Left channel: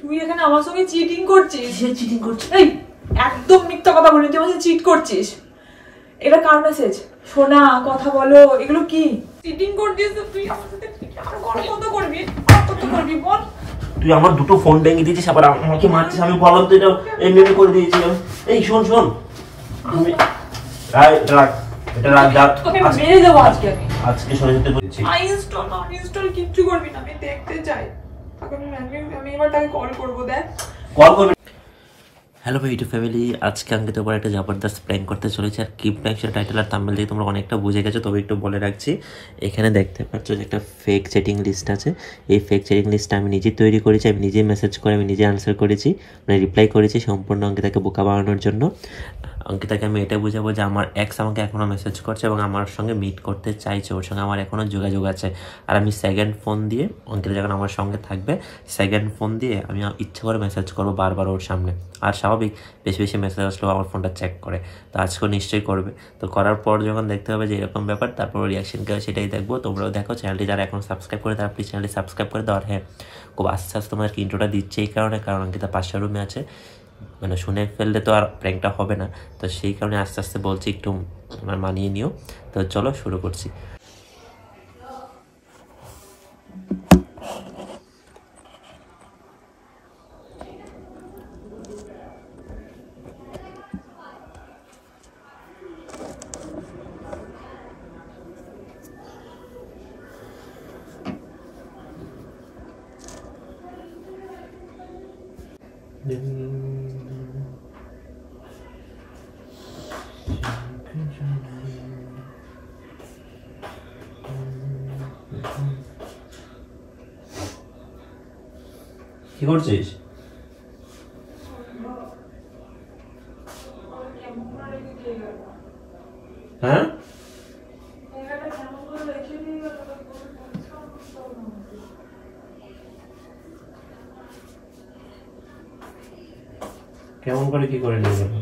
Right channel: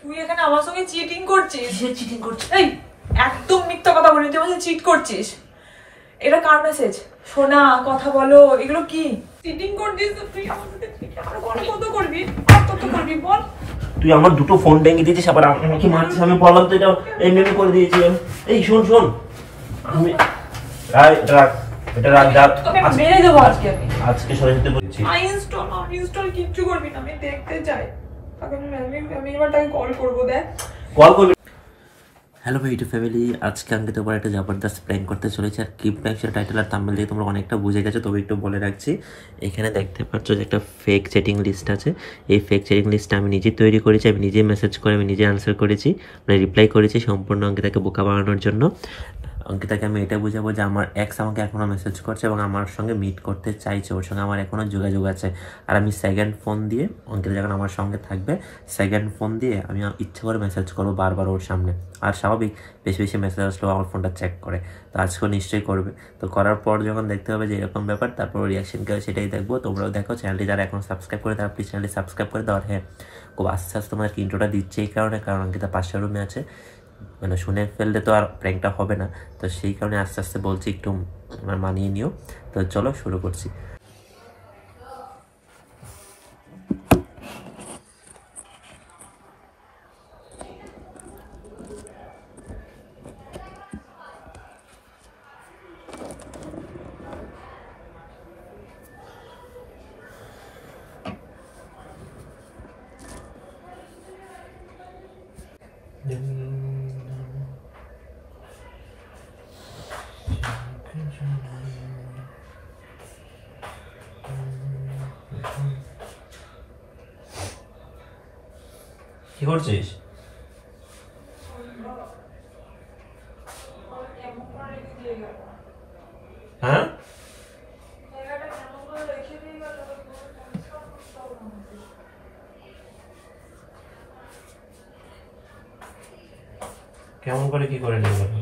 তুই এখানে আমার সঙ্গে চিটিং করছিস। কিসের চিটিং করছিস? এই একদম মিথ্যা কথা বলিস, তুই আমার সাথে চিট করছিস। এটা কার মেসেজ? শোনা, কথা বলো, এগুলো কি? চিটিং করছিস তো তুই আমার সাথে, আর কত করবি, কত করবি বল। তুই আমার দুটো ফোন ভেঙে দিয়েছিস, আবার আমাকে মারছিস। আমি বললাম তো এটা এমনি করে দিয়েছি। এই শোন শোন, আমি এটা রাখ মেরে দেবো আজকে। আমি আজকে সরে যেতে বলছি। ইনস্টল কিচ্ছু করবি না, আমি দেখতে চাই। আমি এবার তাকে কল করবো। দেখ কল করবি। হ্যালো ভাই ইউটিউব ফ্যামিলি, আজকে আমি তোমার একটা জবরদস্ত প্র্যাঙ্ক করতে চলেছি। আর কি প্র্যাঙ্ক সেটা টাইটেল আর থাম্বনেল দিয়ে তোমরা অনেকটা বুঝে গেছো, তবে একটু বলে রাখছি। এখানে দেখতে পাচ্ছ যে একটা ফেক চ্যাটিং লিস্ট আছে। এই ফেক চ্যাটিং লিস্টটা আমি নিজে তৈরি করেছি, আমি নিজে মেসেজ করে আমি নিজে আনসার করেছি, মানে রিপ্লাই করেছি সম্পূর্ণ অঙ্কিতাকে বোকা বানানোর জন্য। অঙ্কিতাকে আমি এটা বুঝাবো যে আমার এক্স আমাকে এখনও মেসেজ করছে এবং আমার সঙ্গে মিট করতে চাইছে, ওর সঙ্গে আমার এখনও যোগাযোগ আছে। আর আমি সেকেন্ড ফোন দিয়ে, অঙ্কিতা যখন আমার সঙ্গে থাকবে, সেকেন্ড ফোন দিয়ে আমি ইচ্ছে করে মেসেজ করবো বারবার ওর সামনে। আর স্বাভাবিক বেশি বেশি মেসেজ আসলেও আমার ফোনটা চেক করে, তো আজকেও নিশ্চয়ই করবে। তো করার পর যখন দেখতে হবে যে এরকম ব্যাপার, তারপর রিয়াকশন কী হয় সেটাই দেখবো। তোমরাও দেখো, চ্যানেলটি যারা এখন সাবস্ক্রাইব করে তারা প্লিজ চ্যানেলটি সাবস্ক্রাইব করে দাও। আর হ্যাঁ, খুব আস্তে আস্তে তোমাদেরকে ইন্ট্রোটা দিচ্ছে এই কারণে, কারণ অঙ্কিতা পাশের রুমে আছে, মানে শুনে ফেললে তো আর প্র্যাঙ্কটা হবে না, তো সেই কারণে আস্তে আস্তে বলছি একটু মানিয়ে নিও। তো চলো শুরু করছি। কি করছিস? হ্যাঁ, কেমন করে কি করে নিয়ে গেল?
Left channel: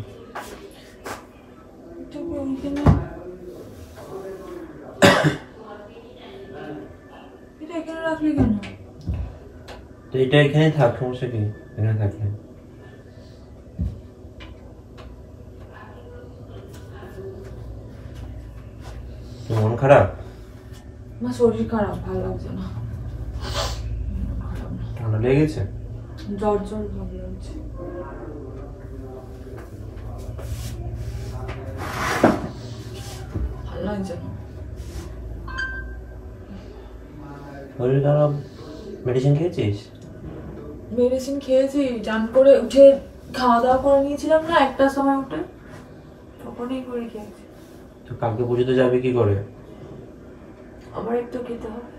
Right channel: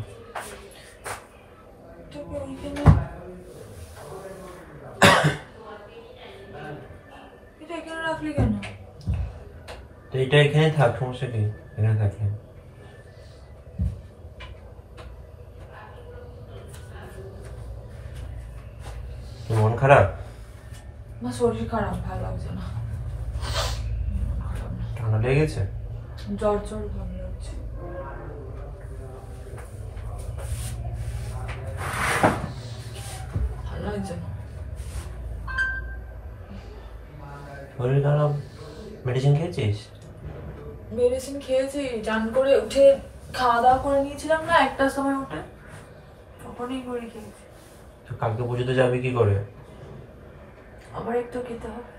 তো এটা এখানে থাক, সমস্যা কি? এখানে থাকলে মন খারাপ? না, শরীর খারাপ, ভালো লাগছে না। ঠান্ডা লেগে গেছে? জ্বর জ্বর ভাব লাগছে। ভালো লাগছে না। শরীর খারাপ, মেডিসিন খেয়েছিস? মেডিসিন খেয়েছি, চান করে উঠে খাওয়া দাওয়া করে নিয়েছিলাম না একটার সময় উঠে, তখনই করে খেয়েছি। তো কালকে পুজোতে যাবে কি করে? আবার একটু খেতে হবে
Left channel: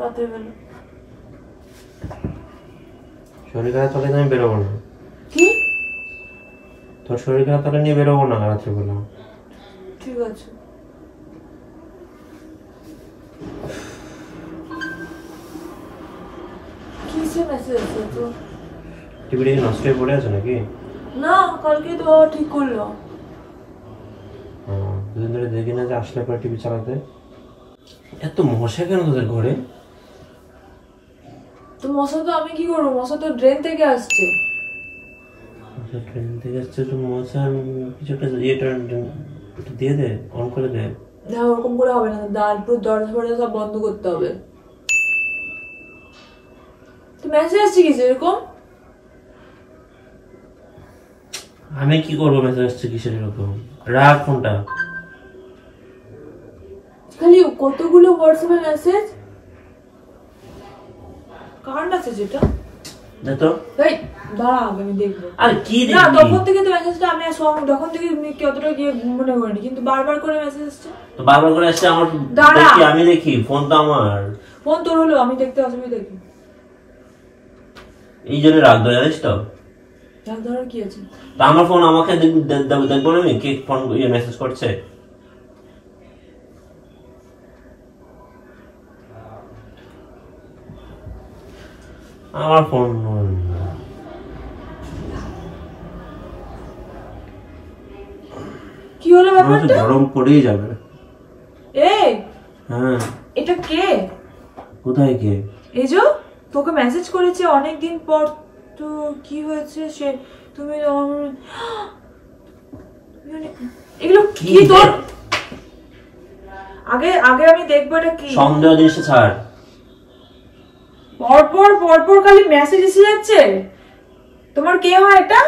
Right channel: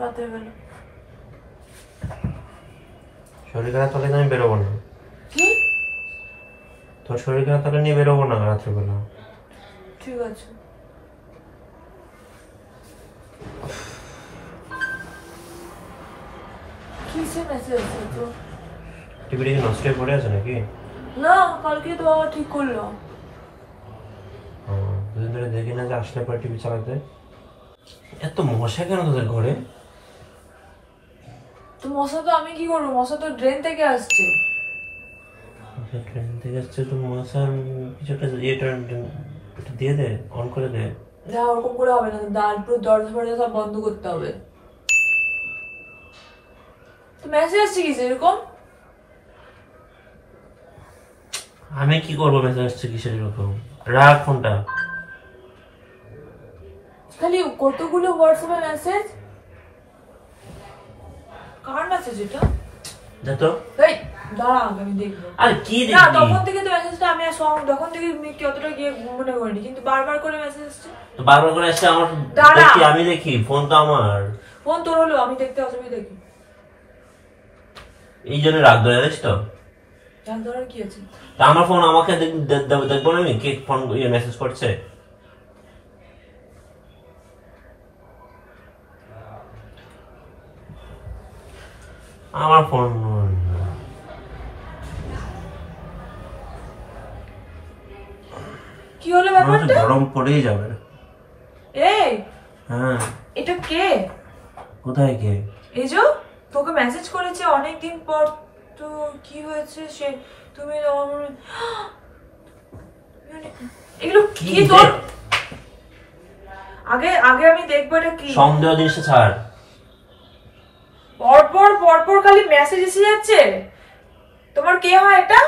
রাতের বেলা। শরীর খারাপ থাকলে আমি বেরোবো না। কি? তোর শরীর খারাপ থাকলে নিয়ে বেরোবো না রাত্রেবেলা। ঠিক আছে। কিসের মেসেজ আছে তো? টিভিটা কি নষ্ট হয়ে পড়ে আছে নাকি? না, কালকে তো বাবা ঠিক করলো। দুদিন ধরে দেখি না যে আসলে পরে টিভি চালাতে। এত মশা কেন তোদের ঘরে? তো মশা তো আমি কি করবো, মশা তো ড্রেন থেকে আসছে। ট্রেন থেকে আসছে তো মশা, কিছু একটা ইয়েটা দিয়ে দে, অন করে দে। না, ওরকম করে হবে না, দরজা ফরজা সব বন্ধ করতে হবে। তো মেসেজ আসছে কি এরকম? আমি কি করবো, মেসেজ আসছে কিসের এরকম? রাখ ফোনটা। খালি কতগুলো হোয়াটসঅ্যাপে মেসেজ, কার মেসেজ এটা? দেখো, এই দাঁড়া, আমি দেখবো। আর কি দেখবি? না, তখন থেকে তো মেসেজটা আমি তখন থেকে কতটা গিয়ে মনে করিনি, কিন্তু বারবার করে মেসেজ আসছে। তো বারবার করে আসছে, আমার দেখি, আমি দেখি, ফোন তো আমার। ফোন তোর হলো, আমি দেখতে অসুবিধা কি? এই জন্য রাখ দো, জানিস তো? এক ধরনের কি আছে? তা আমার ফোন আমাকে দেখবো না আমি কে ফোন মেসেজ করছে? আমার ফোন কি হলো ব্যাপারটা? গরম পড়েই যাবে। এই হ্যাঁ, এটা কে? কোথায় কে? এই যে তোকে মেসেজ করেছে অনেকদিন পর, তো কি হয়েছে সে তুমি এগুলো কি তোর? আগে আগে আমি দেখবো এটা কি সন্দেহ জিনিসটা ছাড়। পরপর পরপর খালি মেসেজ এসে যাচ্ছে। তোমার কে হয় এটা?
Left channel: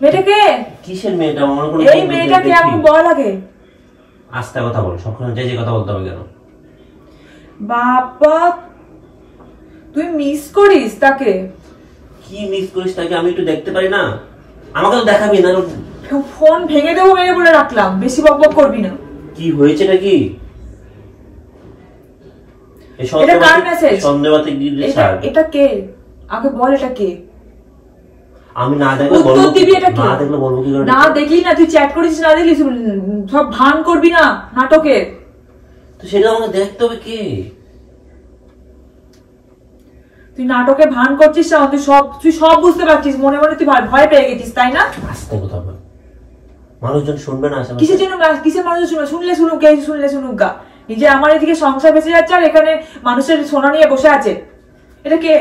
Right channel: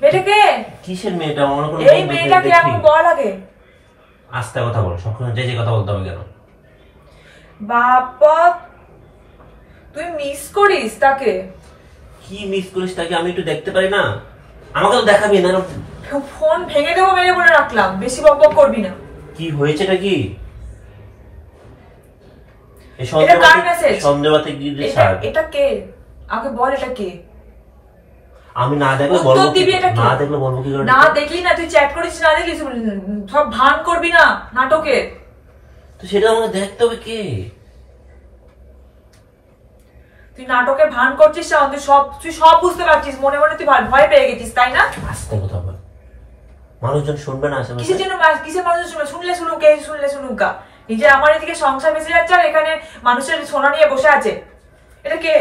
মেয়েটা কে? কিসের মেয়েটা? মনে করো এই মেয়েটা কে আমাকে বল আগে। আস্তে কথা বল, সবসময় যে কথা বলতে হবে কেন? বাবা তুই মিস করিস তাকে? কি মিস করিস তাকে? আমি একটু দেখতে পারি না? আমাকে তো দেখাবি না। ফোন ভেঙে দেবো মেরে বলে রাখলাম, বেশি বকবক করবি না। কি হয়েছেটা কি? এটা কার মেসেজ? সন্দেহবাতে গিয়ে ছাড়। এটা কে আগে বল, এটা কে? আমি না দেখলে বলবো, না দেখলে বলবো কি করে? না দেখলি না, তুই চ্যাট করিস না দেখলি, সব ভান করবি না নাটকে। তো সেটা আমাকে দেখতে হবে। কে? তুই নাটকে ভান করছিস না, তুই সব বুঝতে পারছিস, মনে মনে তুই ভয় পেয়ে গেছিস তাই না? আস্তে কথা বল, মানুষজন শুনবে না। কিসের জন্য? কিসের মানুষ শুনবে? শুনলে শুনুক, এই শুনলে শুনুক গা। নিজে আমার এদিকে সংসার বেঁচে যাচ্ছে আর এখানে মানুষের সোনা নিয়ে বসে আছে। এটা কে?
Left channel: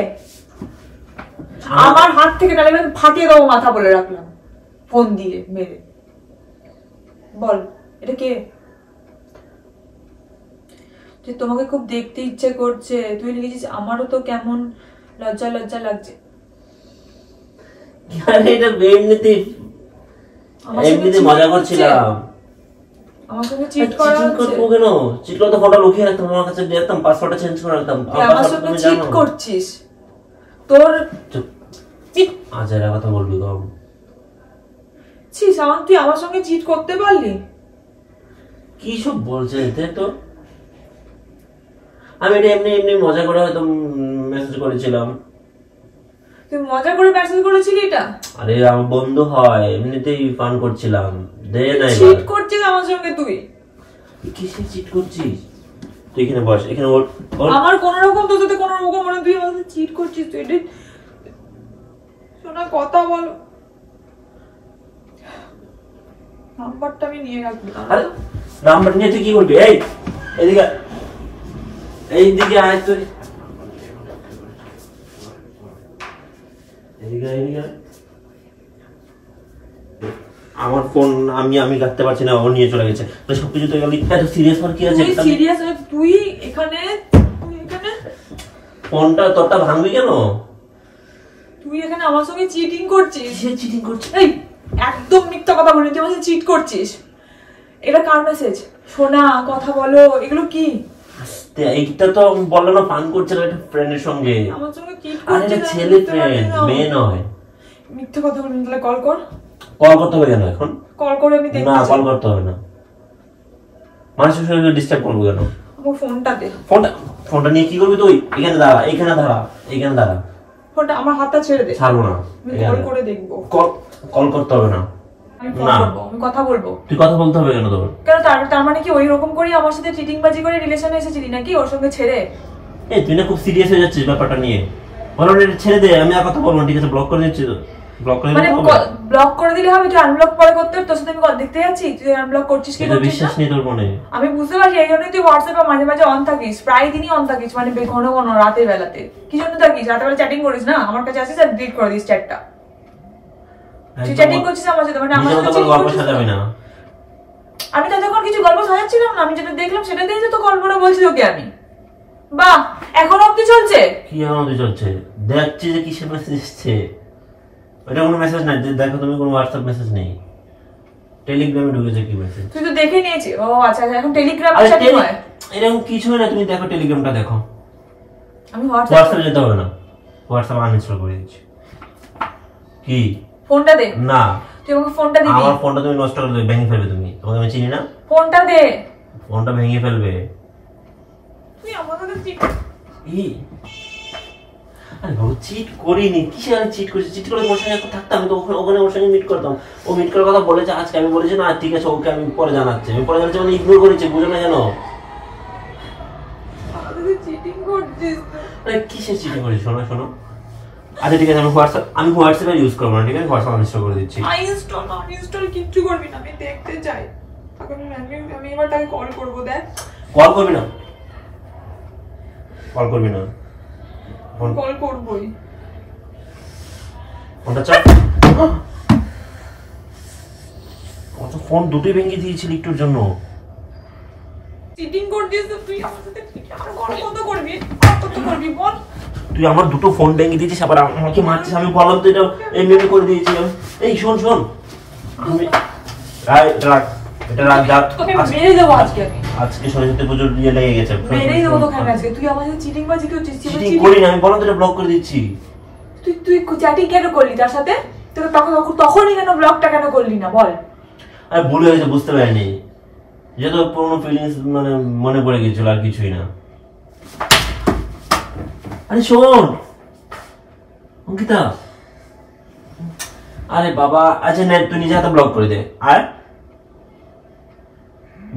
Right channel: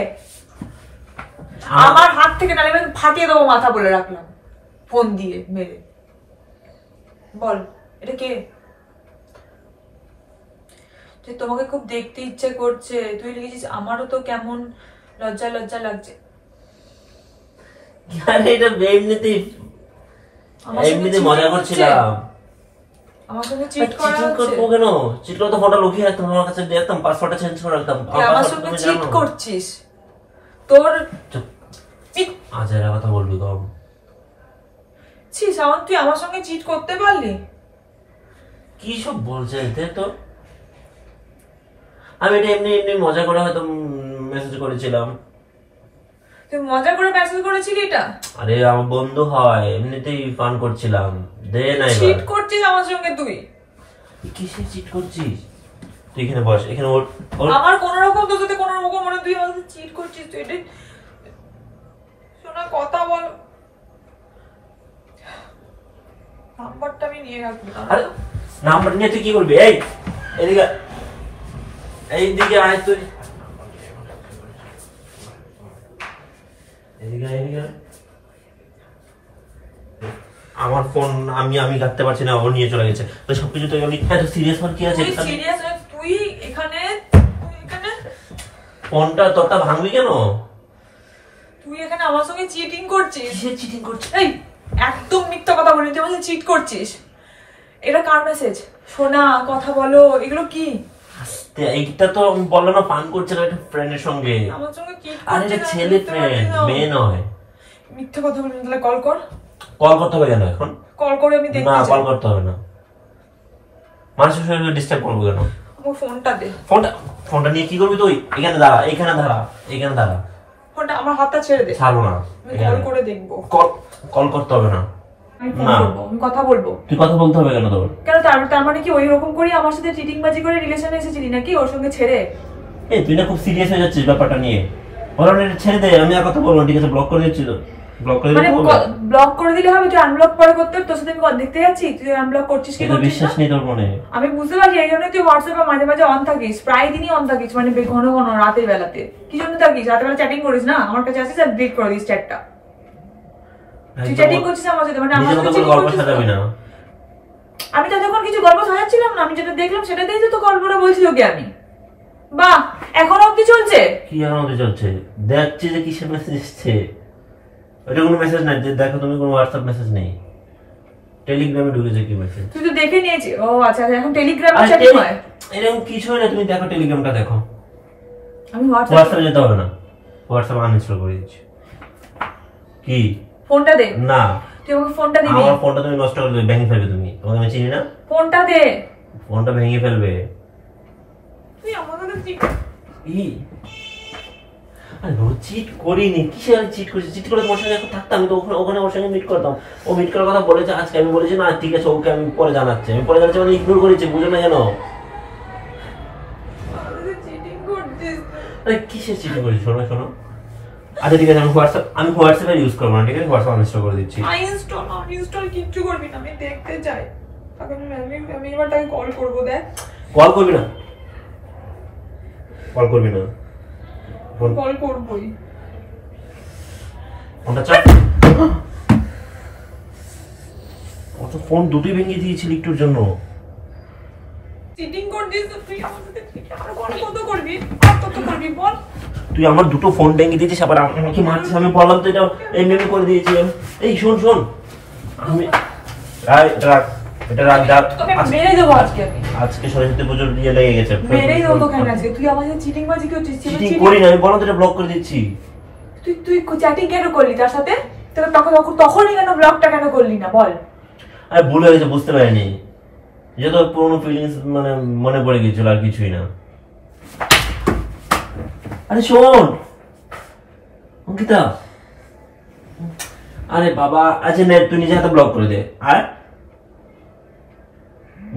আমার হাত থেকে নালে ফাটিয়ে দেবো মাথা বলে রাখলাম, ফোন দিয়ে মেরে। বল এটা কে? যে তোমাকে খুব দেখতে ইচ্ছে করছে, তুই লিখেছিস আমারও তো কেমন লজ্জা লজ্জা লাগছে। এটা এমনিতে মজা করছিলাম। আমার সঙ্গে চিট করা হচ্ছে। কেন চিট করতে? ফটো লুকিয়ে রাখতাম আমার কাছে, দেখতাম পাসওয়ার্ডটা চেঞ্জ করে রাখতাম। আমার সঙ্গে চিট করছিস? তোর আজ এর কথা বলবি গো? ছি সামান, তুই আমার সঙ্গে চিট করতে পারলি? কি সব বলছে দেখ তো। আমি এটা এমনি এমনি মজা করে হয়তো মেসেজ করেছিলাম। তুই মজা করে মেসেজ করেছিলি এটা? আরে আমার বন্ধু হয়, এমনিতেই ফান করছিলাম। দে না, চিট করছিস আমার সঙ্গে তুই? কিসে চিট করছিস? তুই এখানে বস, এখানে ওর। আমার কোন রকম তো যদি কোন রকম মনে তুই আমাকে চিট করছিস, তুই এটা শোনা কথা বল। নাম্বারটা আমি নিয়ে রাখবো। আরে নাম্বার নিয়ে তুই কি করবি? এই এদিকে, এইদিকে আয় তুই। এদিকে এদিকে। আমার ফোন আমি রাখতে পারছি না, ও নিয়ে চলে গেছে। সবকিছু তো সিরিয়াস হওয়ার কি আছে? সিরিয়াস তুই এখানে ফোনটা তোরটা ভাঙবি কেন? তুই এখানে আমার সঙ্গে চিটিং করছিস। কিসের চিটিং করছিস? এই একদম মিথ্যা কথা বলি, তুই আমার সাথে চিট করছিস। এটা কার মেসেজ? শোনা কথা বলো, এগুলো কি? আস্তে, এইটা তো বললো না ফান করছিল একটা ফ্রেন্ডের সঙ্গে। আমার সঙ্গে চিট আরে করছিস? ছেলে ফ্রেন্ড, মেয়ে নয়। মিথ্যা কথা বলি, তাহলে কল কর। কল করতে হবে কেন এখন? কল করে আমি দেখব। না কল করতে হবে না, মানুষের সঙ্গে ডিস্টার্ব করবো কেন? আমার ফোনটা দে। ফোনটা নিয়ে কি করবি তুই? এখানে দাঁড়া, এখানে দাঁড়া, এখানে দাঁড়া। ফোনটা আমার হাতটা ছেড়ে দে। ছাড়বো না, আমি কল করে দেখব। কল করতে হবে না। আমি ফোন করব, আমি কথা বলবো। তুই কথা বলতে হবে কেন তোর? কেন তার মানে কি ওই রকম করে আমার সাথে চিটিং বাজি করে রিলেশনে এসেছিলি নাকি ওর সঙ্গে ছেড়ে? এই তুই না খুব সিরিয়াস হয়ে যাচ্ছিস ব্যাপারটা নিয়ে। ওরা ছেড়ে দে, আমি আর কথা বলবো না, ঠিক আছে? ব্লক করে দিচ্ছি তো। ব্লক করে দিলে হবে? ব্লক করে দিলে হবে? তুই আনব্লক পরে করতে হবে? তোর সাথে আমি কথা দেখতে যাচ্ছি, তুই আনব্লক করছিস কি? এটা বিশ্বাস নেই তোর মনে? আমি বুঝতে পারছি, এই জন্যই তুই হোয়াটসঅ্যাপে মাঝে মাঝে অন থাকিস, প্রায় দিনই অন থাকিস, মানে ঘন ঘন রাতের বেলাতে। কি জন্য থাকিস? রাতের বেলা চ্যাটিং করিস না, আমার কাছে আসিস আর ডিলিট করে দিস চ্যাটটা। তুই চ্যাটিং করছিস আমার সাথে, মানে আমার সাথে গল্প সাজাবি না। আমি ততক্ষণ কিছু গল্প সাজাচ্ছিলাম না, আমি যেটা দেখলাম সেটা দিয়েই তো গল্পটা বলছি তোকে আমি। বাহ, এখন অবধি চলছে? কি এখন অবধি চলছে? দেখছি যে কিসের মেসেজ এসছে। ওটা কোনো মেসেজ নাই, দেখো তুমি কোনো হোয়াটসঅ্যাপ মেসেজ নেই, টেলিগ্রামে ঢুকেছে কি মেসেজ। তুই তো দেখে নিয়েছিস? ও আচ্ছা, এখন টেলিগ্রামে চ্যাটিং হয়? এরকম কিছু হলে তুমি দেখো, টেলিগ্রামটা দেখো। আমি হোয়াটসঅ্যাপে যেতে হবে না, হোয়াটসঅ্যাপ আনইনস্টল করে দিচ্ছি। কি? ফোনটা দে। না, তুই আমাকে ফোনটা দিবি? আমার ফোনটা তুমি নষ্ট করে দেবে, ভেঙে ফেলবে তুমি। তোমাকে আমি চিনি না। ফোনটা দে। ফোনটা ভেঙে ফেলবে তুই আমার সাথে চিট। আরে চিট করিনি, কিসে আমি চিট করছি? চিট করে তোমার সঙ্গে থাকতাম, আমি তো ওখানে ওর সঙ্গে মিট করতাম। ও মিট করার কথা বলেছে আজকে, আমি বলেছি না ঠিক আছে ওকে আমি পরে জানাচ্ছি। আমি পরে জানাচ্ছি মানে ইগনোর করেছি, বুঝো না কেন? চিটিং করছিস? আরে কিসের চিটিং করেছি? শোনো শোনো, আচ্ছা ঠিক আছে, আমি হোয়াটসঅ্যাপ ইউজ করবো না, ঠিক আছে? হোয়াটসঅ্যাপ আনইনস্টল করে দিচ্ছি। আনইনস্টল কিচ্ছু করবি না, আমি দেখতে চাই। আমি এবার তাকে কল করবো। দেখ, কল করবি না, কল করবি না। কল করবই। ফোনটা চাপ। ও তো ফোন দুটোই ভেঙে দিয়েছিল একটুর জন্য। চিটিং করছিস তো তুই, আমার সাথে আর কত করবি, কত করবি বল। তুই আমার দুটো ফোন ভেঙে দিয়েছিস, আবার আমাকে মারছিস। আমি বললাম তো এটা এমনি করে দিয়েছি। এই শোন শোন, আমি এটা রাখ। মেরে দেবো আজকে আমি। আজকে সরস্বতী পুজোর ইয়ে লেগে গেছে। মেরেই দেবো তোকে আজকে। তুই আমার সাথে চিটিং বাজি করছিস। চিটিং করি না আমি, বলো তো এটা ব্লক করে দিচ্ছি। তুই চ্যাটিং কেন করলি তার সাথে? তখনই কেন ব্লকটা কেন করলি না বল? আরে ভুল হয়ে গেছে, বুঝতে পারিনি। যত পুরোনো ফিলিংস মানে মনে পড়ে গেছিল, আর কিছুই না। আরে শোন অঙ্কিতা, আরে বাবা, আচ্ছা নে তুই নিজে হাতে ব্লক করে দে। আর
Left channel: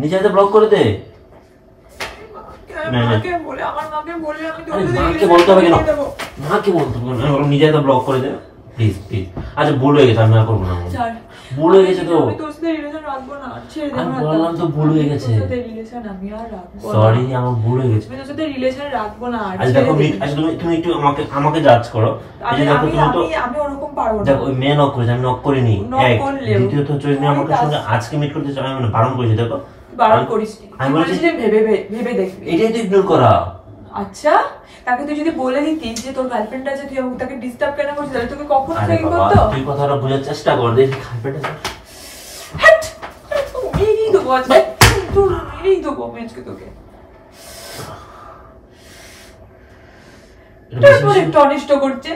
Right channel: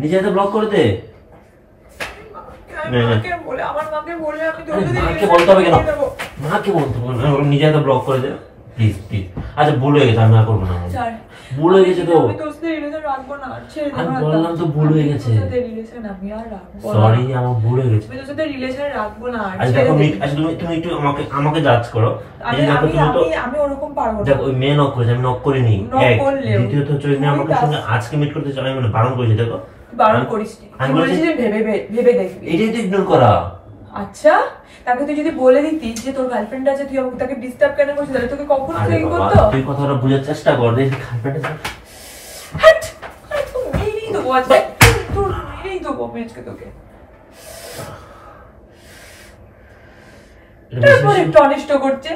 নিজে হাতে ব্লক করে দে। মাকে বলে, আমার মাকে বলে আমি মাকে বলতে হবে কেন? মাকে বলতে হবে না, নিজে হাতে ব্লক করে দে প্লিজ প্লিজ। আচ্ছা ভুল হয়ে গেছে, আমি আর করবো না। ভুল হয়ে গেছে তো, আমি তোর সাথে রিলেশন রাখবো না। আমি বললাম তো ভুল হয়ে গেছে। তোর সাথে রিলেশন আমি আর রাখবো না। সরি, আমার ভুল হয়ে গেছে। আমি তোর সাথে রিলেশন রাখবো না। আচ্ছা দেখো, আচ্ছা তুমি একটু আমাকে জাজ করো। আমি ওরকম পারবো না। দেখো ওই মেয়ে নক করেছে, আমি নক করিনি। এক দ্বিতীয়ত চৈনি আমাকে সঙ্গে আজকে মিট করতে চাই, মানে বারণ করেছে। দেখো বারণ করিস, আমি বলেছি যে ভেবে দেখবি। এটাই তো ইগনোর করা। আচ্ছা তাকে তুই যদি বলে দিতিস যে তোর গার্লফ্রেন্ড আছে, তুই আমাকে তাকে ডিস্টার্ব কেন করছিস, তাহলে তোকে কখন থেকে করতো? তুই কথাটা বোঝার চেষ্টা কর। দেখ গার্লফ্রেন্ড আছে, হাট তুই এই তো বল ভাই, তুই এই তো বল আজকে তোকে। তুই অনিষ্ট করছে,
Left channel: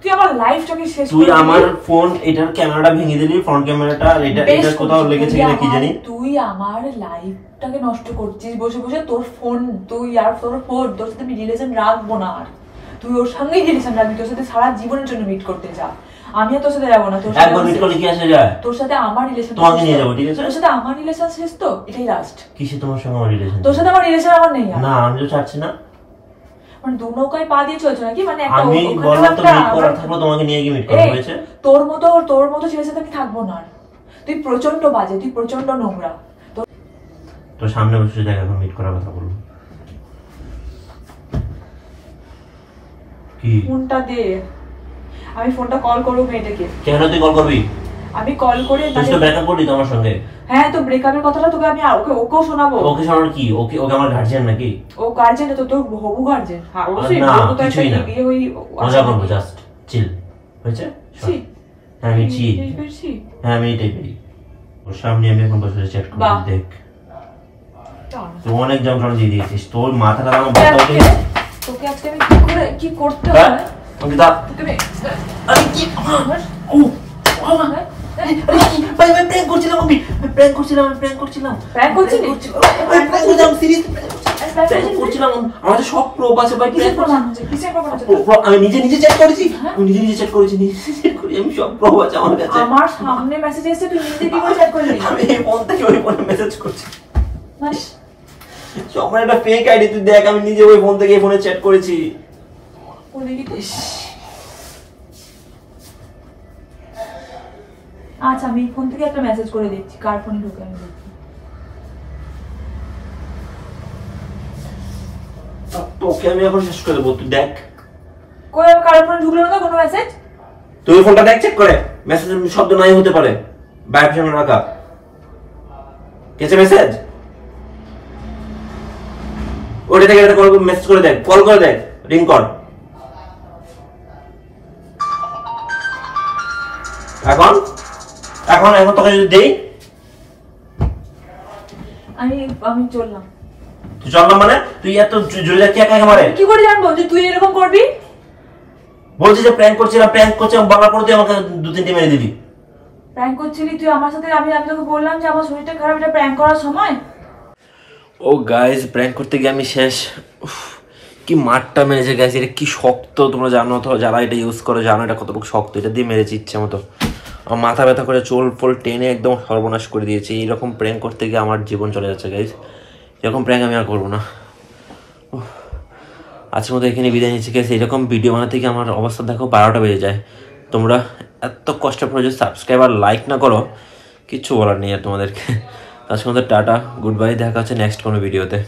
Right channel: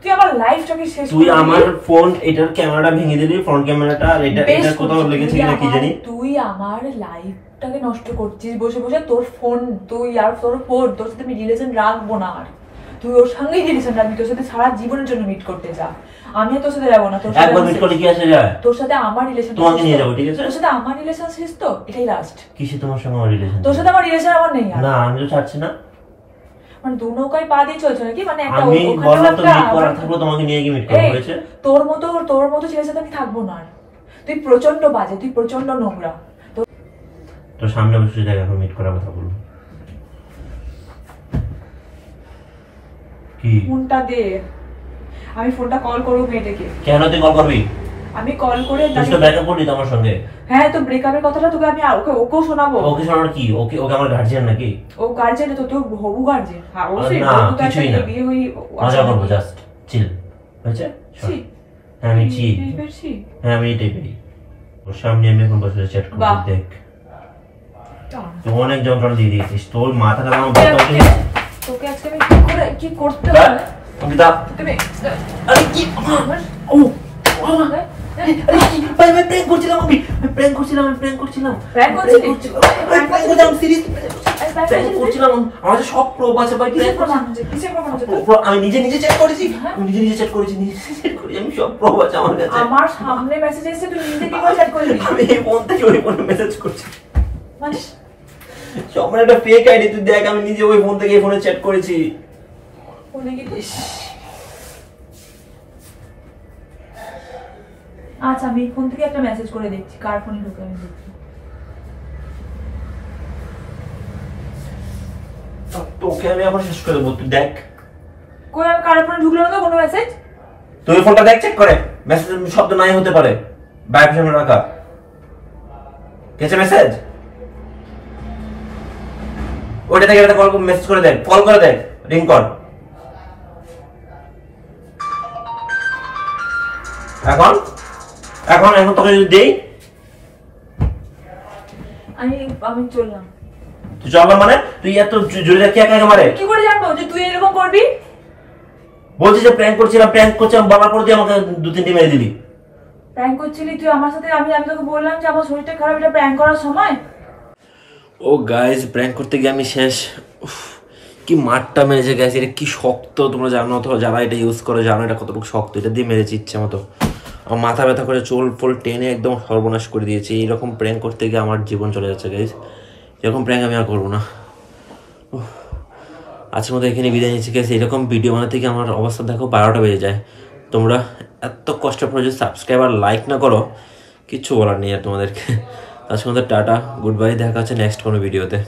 তুই আমার লাইফটাকে শেষ করে দিলি। তুই আমার ফোন এটার ক্যামেরাটা ভেঙে দিলি, ফ্রন্ট ক্যামেরাটা। আর এটা কোথাও লেগেছে কিনা কি জানি। তুই আমার লাইফটাকে নষ্ট করছিস বসে বসে। তোর ফোন, তুই আর তোর ফোন, তোর সাথে আমি রিলেশন রাখবো না। আর তুই ওর সঙ্গেই রিলেশন রাখবি, তোর সাথে সারা জীবনের জন্য মিট করতে যা। আমি আর তোর সাথে যাবো না। তোর সাথে একবার মিট করলে কি আসে যায়? তোর সাথে আমার রিলেশন তোমাকে নিয়ে যাবো, ঠিক আছে? তোর সাথে আমার রিলেশন শেষ তো, এটাই লাস্ট। কিসে তোমার সঙ্গে আমার রিলেশন? তোর সাথে আমার রিলেশন আমার নেই আর। না আমি তো চাচ্ছি না। মানে দু নৌকায় পা দিয়ে চলছে নাকি? মানে একটা আমি বললাম তো মিট করার থাকলো, তোমাকে নিয়ে গিয়ে মিট করব, হয়েছে? তোর মতো ছেলের সাথে আমি থাকবো না। তুই প্রচন্ড বাজে, তুই প্রচন্ড নোংরা। তো সামনে বসে দেখ, এখন মিট করার কথা বলবো। কি ফোনটা দে, আমি ফোনটা কল করবো মেয়েটাকে। কেন তুই কল করবি? আমি কল করে তুই তো ব্রেকআপ করলি তো আমার সঙ্গে। হ্যাঁ তো ব্রেকআপের কথাটা তোকে আমি ওকেও শোনাবো। ওকে শোনানোর কি? ওকে আমার গার্জিয়ান নাকি? ও গার্জিয়ান তো তোর হবু গার্জিয়ান। হ্যাঁ অবশ্যই। না কিছুই না, বিয়ে হই মজা করবো, জাস্ট চিল, হয়েছে? হ্যাঁ আমি চিল, হ্যাঁ আমি এটাই পারি। ওর সামনে আমি এখন বসে চ্যাট করবো, দেখ তুই অনেক যন্ত্রণা দিয়ে দিয়েছিস। তোর মাথাটা আমার তোকে আজকে আমি কি করতে হবে অঙ্কিতা। আরে কি ও আরে কি ভাই, আমি প্র্যাঙ্ক করছিলাম। প্র্যাঙ্ক করছিলাম। আমাদের সব প্রুফ আছে ভাই। আমি নিজে চ্যাট করেছি, আমি সব প্রুফ আছে আমার কাছে। আমার সামনে মেসেজ এসেছে, তুই নিজে কি করে চ্যাট করলি? আমি এই ফোন থেকে ওই ফোনে মেসেজ করছি। আমার একটা ফেক আইডি, তুই দেখ আমি নিজে ওই ফোন থেকে এই ফোনে চ্যাট করেছি। আচ্ছা আমি ফোন থেকে একটা মেসেজ করে দেখছি, কার ফোনে ঢুকে আমি দেখছি। তোকে আমি এখন শেষ করে দেবো, তুই দেখ। কই আমি কার ফোনে ঢুকলো না কোনো মেসেজ? তুই ফোনটা দেখ, চেক করে। মেসেজের শব্দ নাই হতে পারে, ভাইব্রেশন রাখা। কেছে মেসেজ ওইটা থেকে একটা কল মেসেজ করে দেখ, কল করে দেখ, রিং কর। এখন তোকে যদি দেই, আমি চললাম। তুই চললাম মানে? তুই এত জোরে যাচ্ছি একা একা মারে? কি করে জানবো যে তুই এরকম করবি? বলছিস যে প্র্যাঙ্ক করছিলাম, বলার পর তুই আমাকে দু তিনটে মেরে দিলি। প্র্যাঙ্ক করছিলি তুই আমার সাথে? আমি তোকে বললাম যে আমার শরীরটা খারাপ, এটা প্র্যাঙ্ক করার সময়। ও গাইস, প্র্যাঙ্ক করতে গিয়ে আমি শেষ। কি মারটা মেরেছে গাইস, এটা কি শক্ত, তোমরা জানো তো, যারা এটা ইউজ করে জানো এটা কতটুকু শক্ত। এটা দিয়ে মেরেছি ইচ্ছে মতো, আমার মাথা ব্যথা করে চোল ফোল টেনে একদম সর্বনাশ করে দিয়েছে। এইরকম প্র্যাঙ্ক করতে গিয়ে আমার জীবন চলে যাচ্ছে গাইস। এরকম প্র্যাঙ্ক আমি আর করবো না। আজকের মতো এখানে বিদায় নিচ্ছি গাইস। এরকম ভিডিও বানাতে গিয়ে আমার অবস্থা দেখো 12টা বেজে যায়। তোমরা এত কষ্ট করে যদি সাবস্ক্রাইব আর লাইক না করো, কিচ্ছু বলার নেই আর তোমাদেরকে। আজকের মতো টাটা, গুড বাই, দেখা হচ্ছে নেক্সট কোনো ভিডিওতে।